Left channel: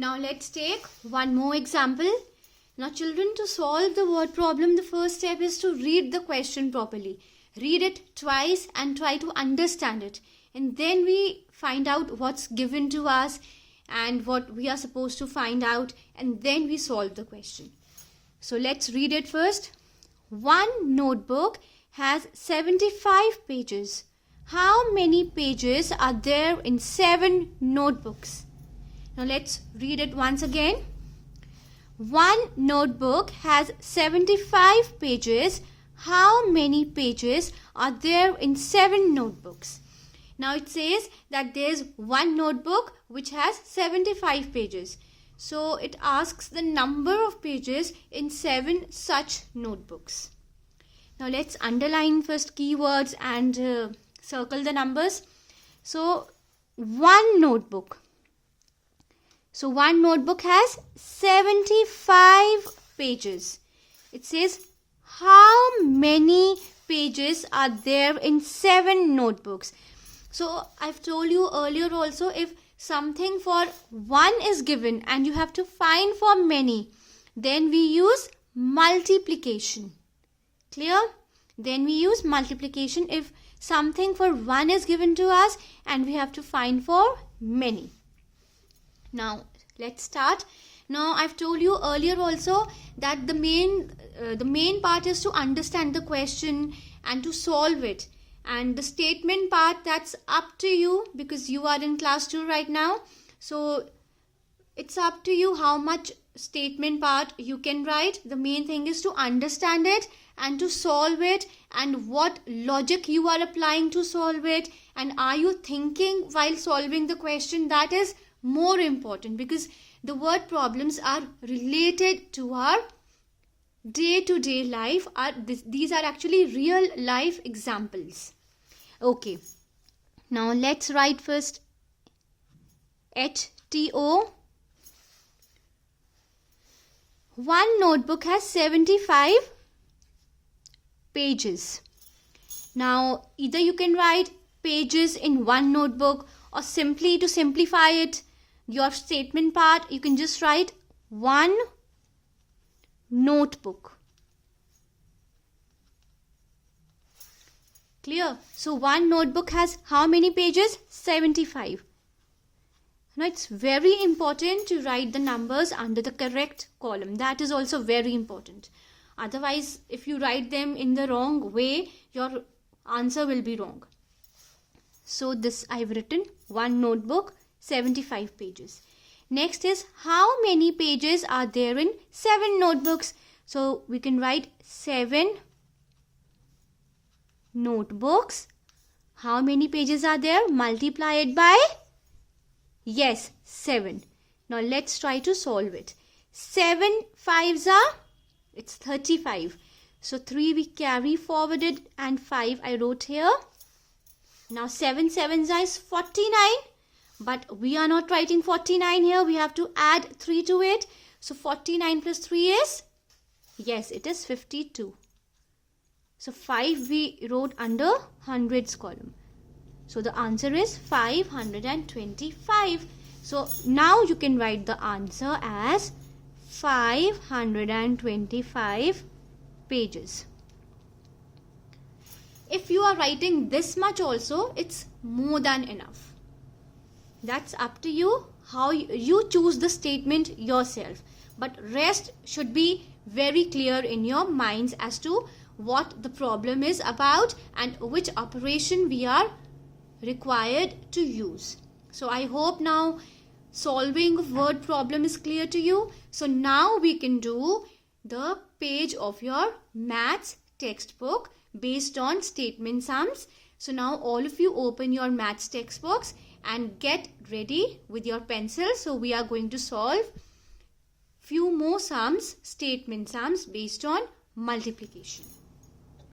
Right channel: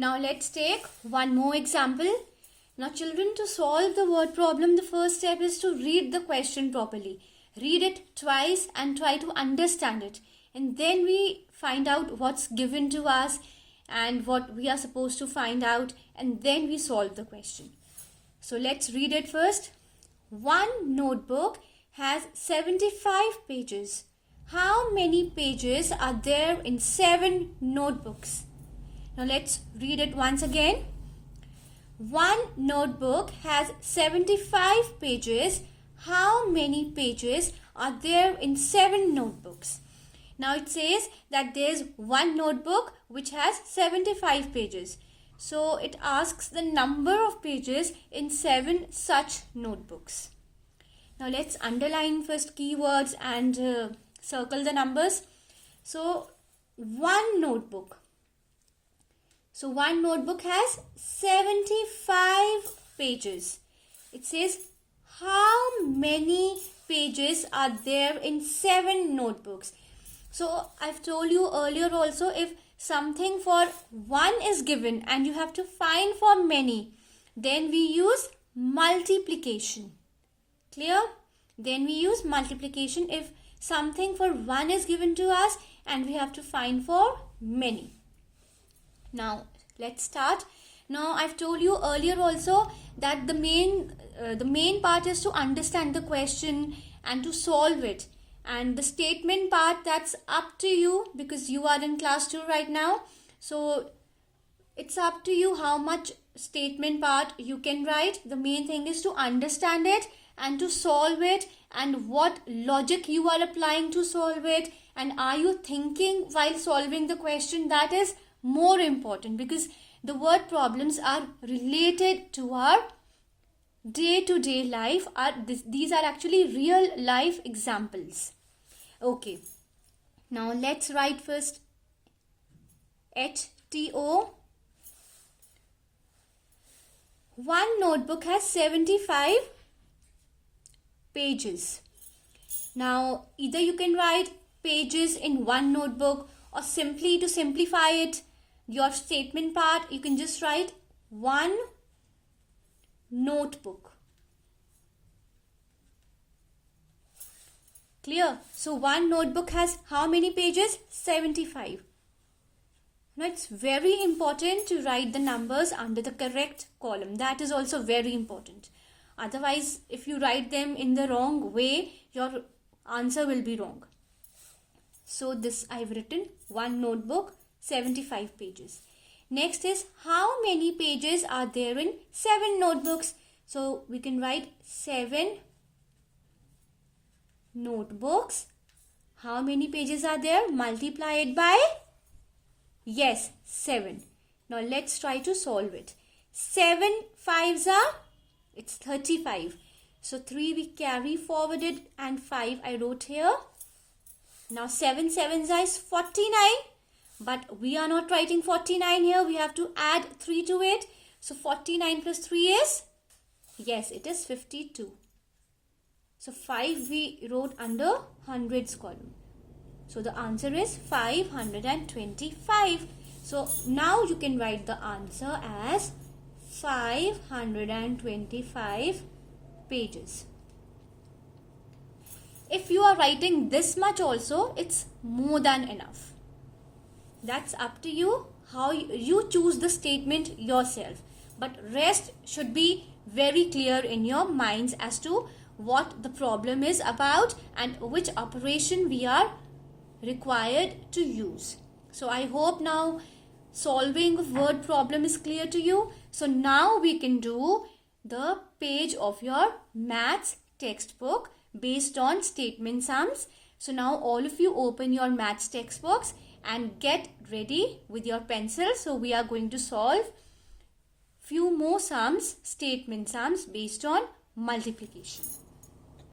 Now let's take one more example. Now children, to solve the word problem, the first step is to read the question properly. Read it twice and try to understand it. And then we find out what's given to us and what we are supposed to find out, and then we solve the question. So let's read it first. One notebook has 75 pages. How many pages are there in 7 notebooks? Now let's read it once again. One notebook has 75 pages. How many pages are there in 7 notebooks? Now it says that there's one notebook which has 75 pages. So it asks the number of pages in 7 such notebooks. Now let's underline first keywords and circle the numbers. So one notebook. So one notebook has 75 pages. It says how many pages are there in 7 notebooks. So I've told you earlier also, if something for one is given and you have to find for many, then we use multiplication. Clear? Then we use multiplication if something for one is given to us and we have to find for many. Now let's start. Now I've told you earlier also that the main part is to understand the question and to solve it. And the statement part, that's up to you because you are in class 2 right now. So it's up to you how much statement part you can write. The main thing is to understand it and to solve it, and what logic you are applying to solve it, and are you thinking while solving the question. That is more important because the word problems are related to our day-to-day life. These are actually real life examples. Okay, now let's write first HTO. One notebook has 75 pages. Now either you can write pages in one notebook, or simply to simplify it, your statement part, you can just write one notebook. Clear? So one notebook has how many pages? 75. Now it's very important to write the numbers under the correct column. That is also very important. Otherwise, if you write them in the wrong way, your answer will be wrong. So this I've written one notebook, 75 pages. Next is how many pages are there in 7 notebooks. So we can write 7 notebooks. How many pages are there? Multiply it by, yes, 7. Now let's try to solve it. 7 5s are, it's 35. So 3 we carry forwarded and 5 I wrote here. Now 7 7s is 49. But we are not writing 49 here. We have to add 3 to it. So 49 plus 3 is, yes, it is 52. So 5 we wrote under hundreds column. So the answer is 525. So now you can write the answer as 525 pages. If you are writing this much also, it's more than enough. That's up to you, how you choose the statement yourself. But rest should be very clear in your minds as to what the problem is about and which operation we are required to use. So I hope now solving word problem is clear to you. So now we can do the page of your maths textbook based on statement sums. So now all of you open your maths textbooks and get ready with your pencil. So we are going to solve few more sums, statement sums based on multiplication.